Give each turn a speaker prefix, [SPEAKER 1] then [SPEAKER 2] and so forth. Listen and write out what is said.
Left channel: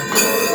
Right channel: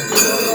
[SPEAKER 1] Thank yeah. you.